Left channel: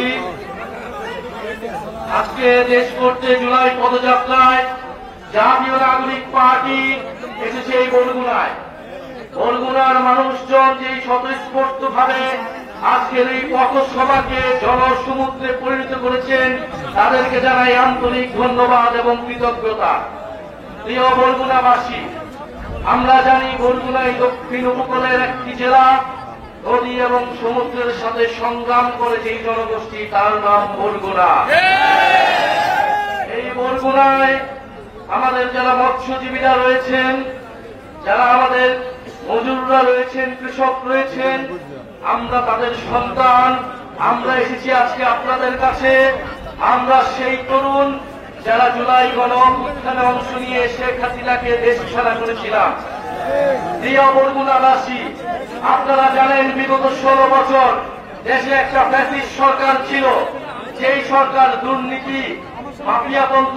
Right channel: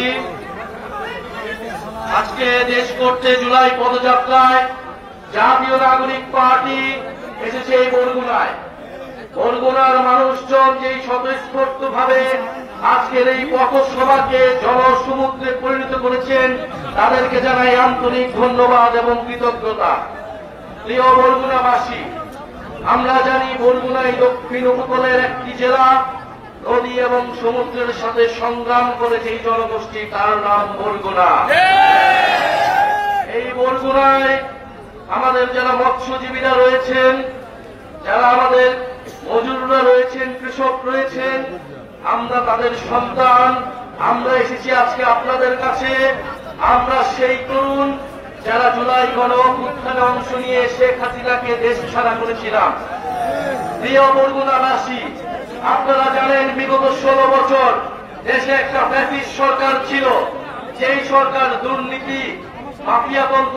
বলগুনাবাসী, আজকে দেশ করতে জুলাই পদযাত্রায় জাতীয় নাগরিক পার্টি এসেছে এই বরগুনায়। বরগুনার মানুষজন যে স্বতঃস্ফূর্ত ভাবে আজকের এই পথসভাকে জনসমুদ্রে পরিণত করেছেন, তাদেরকে জানাই আন্তরিক ধন্যবাদ এবং কৃতজ্ঞতা। প্রিয় বরগুনাবাসী, আমরা জানি বরগুনা এই দক্ষিণ উপকূলের একটি জেলা, নদী এবং সমুদ্রের সাথে সংগ্রাম করে যে জনগোষ্ঠী, তার নাম বরগুনা। এই বরগুনায় আমাদের যারা মৎস্যজীবীরা রয়েছেন, যারা আমাদের মজুররা রয়েছেন, কৃষক রয়েছেন, আমরা তাদের সন্তান। আমরা এসেছি আজকে আপনাদের কাছে। আমরা সেই তরুণ যারা জুলাই গণঅভ্যুত্থানে অংশ নিয়ে শেখ হাসিনাকে দেশ ছাড়া করেছিলাম। প্রিয় বরগুনাবাসী, আপনারা জানেন বিগত 16 বছর দেশে একটা ফ্যাসিস্ট সরকার ছিল। যেই সরকার দুর্নীতি, মাফিয়াপন্থ,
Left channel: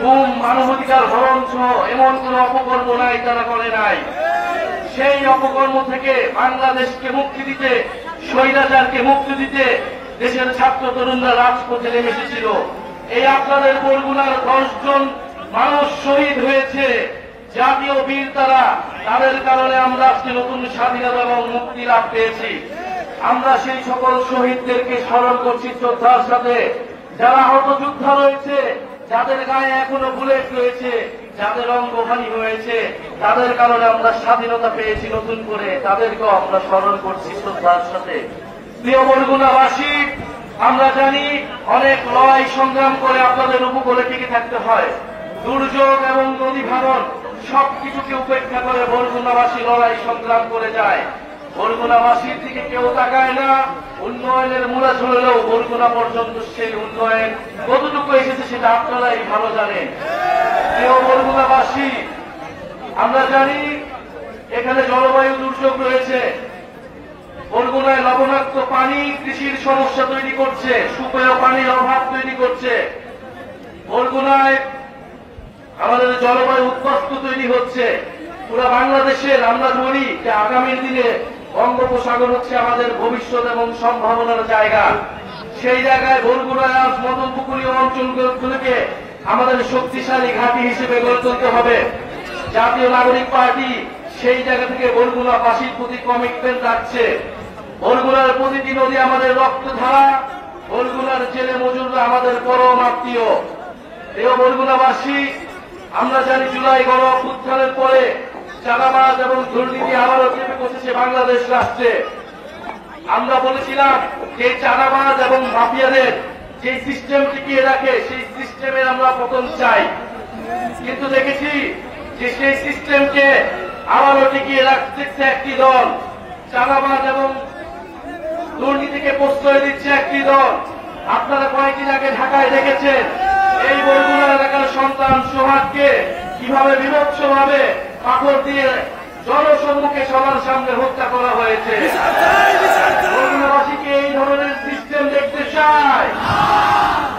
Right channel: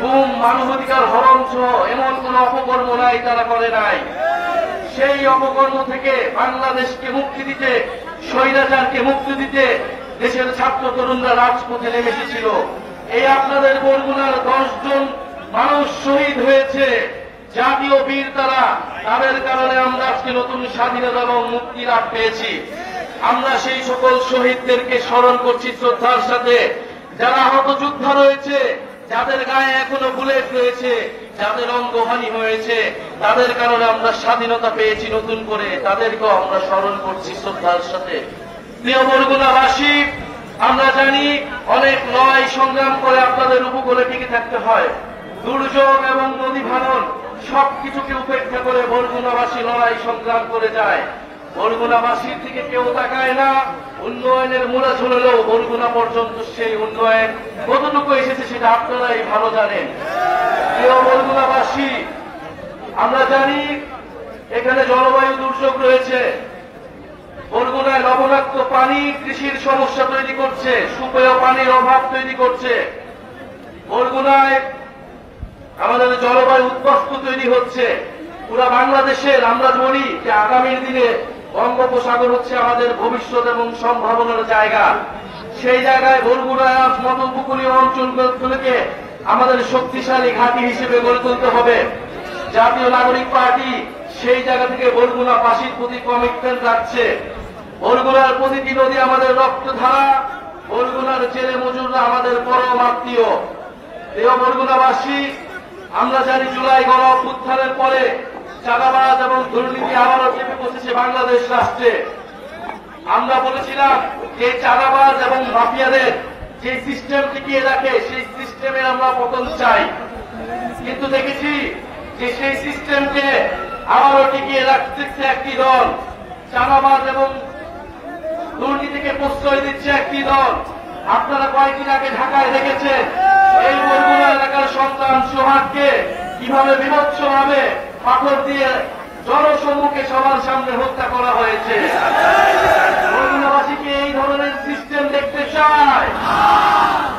গুম, মানবাধিকার হরণ সহ এমন কোন অপকর্ম নাই তারা করে নাই। সেই অপকর্ম থেকে বাংলাদেশকে মুক্তি দিতে, স্বৈরাচারকে মুক্তি দিতে দেশের ছাত্র তরুণরা রাজপথে নেমে এসেছিল। এই আপনাদের বরগুনার 10 জন মানুষ শহীদ হয়েছে, জাতীয় বীর তারা। তাদের কারণে আমরা আজকে নতুন স্বাধীনতা এবং মুক্তি লাভ পেয়েছি। আমরা সেই সকল শহীদদেরকে স্মরণ করছি শ্রদ্ধার সাথে। যারা আহত যোদ্ধা রয়েছে, যাদের গায়ে এখনো বুলেট রয়েছে, যাদের অঙ্গহানি হয়েছে, তাদের কারণে আমরা স্বাধীনতা পেয়েছি নতুন করে, তাদেরকেও আমরা স্মরণ করছি শ্রদ্ধার সাথে। প্রিয় বরগুনাবাসী, আমরা জানি অনেক লড়াই সংগ্রাম করে আপনাদের উপকূলে টিকে থাকতে হয়। দুর্যোগ এবং নদী ভাঙন সবকিছুকে উপেক্ষা করে বরগুনাবাসী লড়াই সংগ্রাম করে যায়। বরগুনাবাসীর দিকে কেউ তাকায় না। উন্নয়নের মূলে চলেও বরগুনা পর্যন্ত সেই উন্নয়ন কতটুকু এসেছে সেটা আপনারাই ভালো জানেন। প্রিয় বরগুনাবাসী, আমরা জানি এখানে জলবায়ু দুর্যোগ রয়েছে। বরগুনায় লবণাক্ত পানি কৃষির সমস্যা তৈরি করছে, সুপেয় পানির অভাব তৈরি করছে। বরগুনায় আমাদের জলবায়ু উদ্বাস্তু তৈরি হচ্ছে পুরা বাংলাদেশের। আমরা বলি যে আগামী দিনে বঙ্গোপসাগর হচ্ছে আমাদের ভবিষ্যৎ এবং সম্ভাবনার জায়গা। সেই জায়গায় বরগুনায় মতন উপকূলীয় অঞ্চলগুলোকে আমাদের শক্তিশালী ঘাঁটি হিসেবে গড়ে তুলতে হবে। জাতীয় নাগরিক পার্টি সেই জায়গা থেকে বরগুনাবাসীর প্রতি কমিটমেন্ট রাখছে। বরগুনার প্রতিটি নদী আমাদের রক্তধারা, বরগুনার জেলে মজুররা আমাদের পরম আত্মীয়। প্রিয় বরগুনাবাসী, আমরা জানি জুলাই গণঅভ্যুত্থানের পরে চাঁদাবাজ এবং দুর্নীতি আবারও চেপে বসেছে বাংলাদেশ রাষ্ট্রে। আমরা বলেছিলাম যে চাঁদাবাজ এবং মাফিয়াদের যে সিস্টেম টিকিয়ে রাখে, সেই সিস্টেমের আমরা পতন চাই। কিন্তু দেখেছি যে সেই সিস্টেমকে আবারও টিকিয়ে রাখতে একটি দল, চাঁদাবাজ এবং দুর্নীতিকে প্রশ্রয় দিচ্ছে একটি দল। আপনারা কয়েকদিন আগে ঢাকায় দেখেছেন এই বরগুনা এলাকার সন্তান সোহাগকে কিভাবে বিভৎসভাবে পাথর দিয়ে জনসম্মুখে সবার সামনে হত্যা করা হয়েছে। বরগুনাবাসীকে এই ধরনের সিস্টেম দেখতে চায়?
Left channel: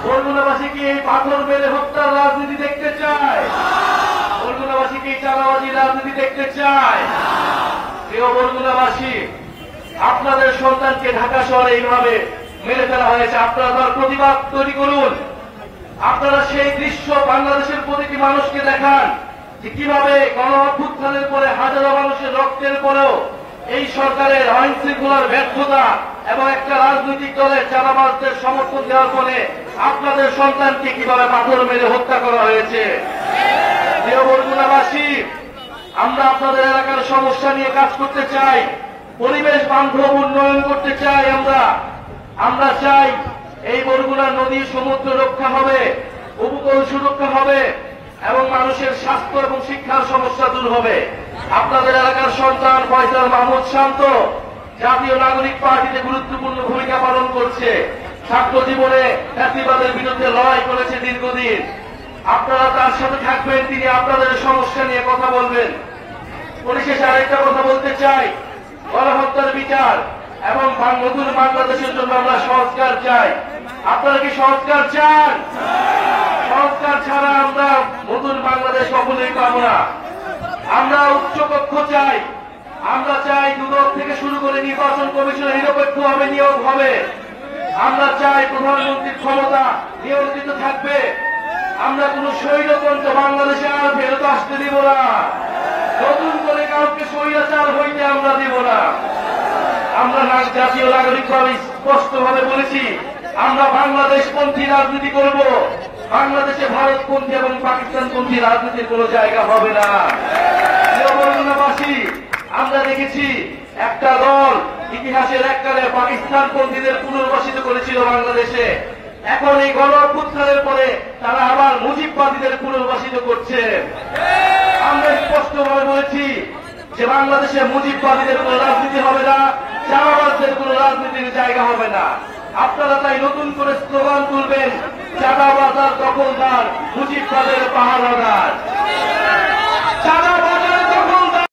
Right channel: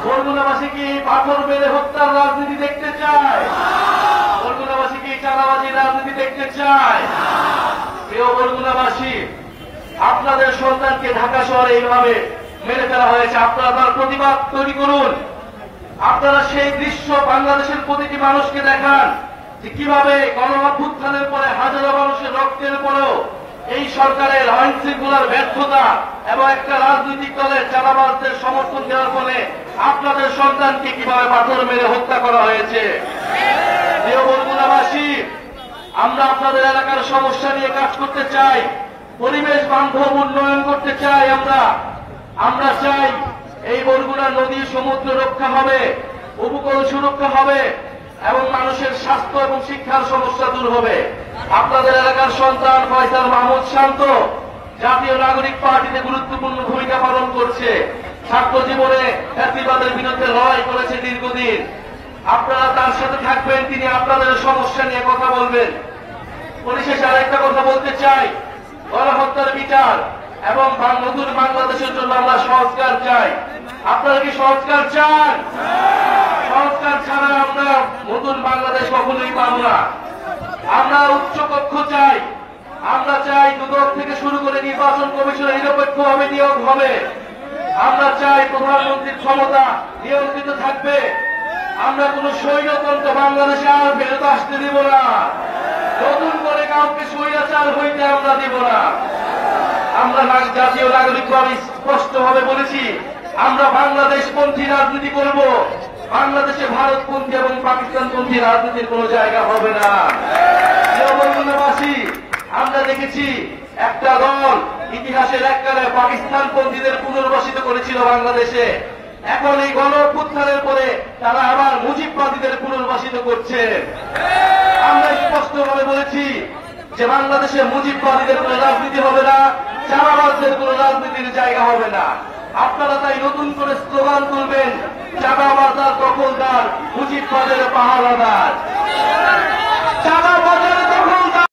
বরগুনাবাসীকে এই পাথর মেরে হত্যার রাজনীতি দেখতে চায়? বরগুনাবাসীকে এই চাঁদাবাজির রাজনীতি দেখতে চায়? প্রিয় বরগুনাবাসী, আপনাদের সন্তানকে ঢাকা শহরে এইভাবে মেরে ফেলা হয়েছে। আপনারা তার প্রতিবাদ তৈরি করুন। আপনারা সেই দৃশ্য বাংলাদেশের প্রতিটি মানুষকে দেখান যে কিভাবে গণঅভ্যুত্থানের পরে হাজারো মানুষের রক্তের পরেও এই সরকারের আইন শৃঙ্খলার ব্যর্থতা এবং একটা রাজনৈতিক দলের চাঁদাবাজদের সমর্থন দেওয়ার ফলে আপনাদের সন্তানকে কিভাবে পাথর মেরে হত্যা করা হয়েছে। প্রিয় বরগুনাবাসী, আমরা আপনাদের এলাকার সমস্যা নিয়ে কাজ করতে চাই, পরিবেশ বান্ধব উন্নয়ন করতে চাই। আমরা চাই এই বরগুনা নদী সমুদ্র রক্ষা হবে, উপকূল সুরক্ষা হবে এবং মানুষের স্বাস্থ্য এবং শিক্ষার সমস্যা দূর হবে। আপনাদের এলাকার সন্তান ফয়সাল মাহমুদ শান্ত জাতীয় নাগরিক পার্টিতে গুরুত্বপূর্ণ ভূমিকা পালন করছে। ছাত্র জীবনে ফ্যাসিবাদের বিরুদ্ধে লড়াই করেছে দীর্ঘদিন। আপনারা তার সাথে থাকবেন, তিনি আপনাদের সমস্যা নিয়ে কথা বলবেন। পরিশেষে আরেকটা কথা বলতে চাই, গণহত্যার বিচার এবং নতুন বাংলাদেশের জন্য আমরা সংস্কার চাই। আপনারা কি সংস্কার চান? সংস্কার ছাড়া আমরা নতুন বাংলাদেশ কখনোই পাব না। আমরা উচ্চকক্ষ চাই। আমরা চাই দুদক থেকে শুরু করে নির্বাচন কমিশনের নিরপেক্ষভাবে নিয়োগ হবে। আমরা চাই প্রধানমন্ত্রীর ক্ষমতা নিয়ন্ত্রিত থাকবে। আমরা কোন স্বৈরতন্ত্র বাংলাদেশে আর ফেরত আসতে দিব না। নতুন করে কাউকে স্বৈরাচার হইতে আমরা দিব না। আমরা জাতীয় নাগরিকভাবে স্পষ্টভাবে বলেছি, আমরা বাংলাদেশপন্থী রাজনীতি করব। বাংলাদেশে ভারতপন্থী এবং পাকিস্তানপন্থী রাজনীতির কোন জায়গা হবে না। বরগুনাবাসী, আমরা দেখেছি একটা দল ইতিহাসের এককালে পাকিস্তানপন্থীদের পুনর্বাসিত করেছিল বাংলাদেশে। এখন এই গণ অভ্যুত্থানের পরে তারা আবার মুজিববাদীদের পুনর্বাসিত করছে। আমরা স্পষ্টভাবে বলেছি যে বাংলাদেশে মুজিববাদীদের কোন রাজনীতি হবে না, চাঁদাবাজদের কোন রাজনীতির জায়গা হবে না। আপনারা তাই নতুন করে স্লোগান তুলবেন, চাঁদাবাজার দখলদার, মুজিববাদের পাহারাদার। চাঁদাবাজ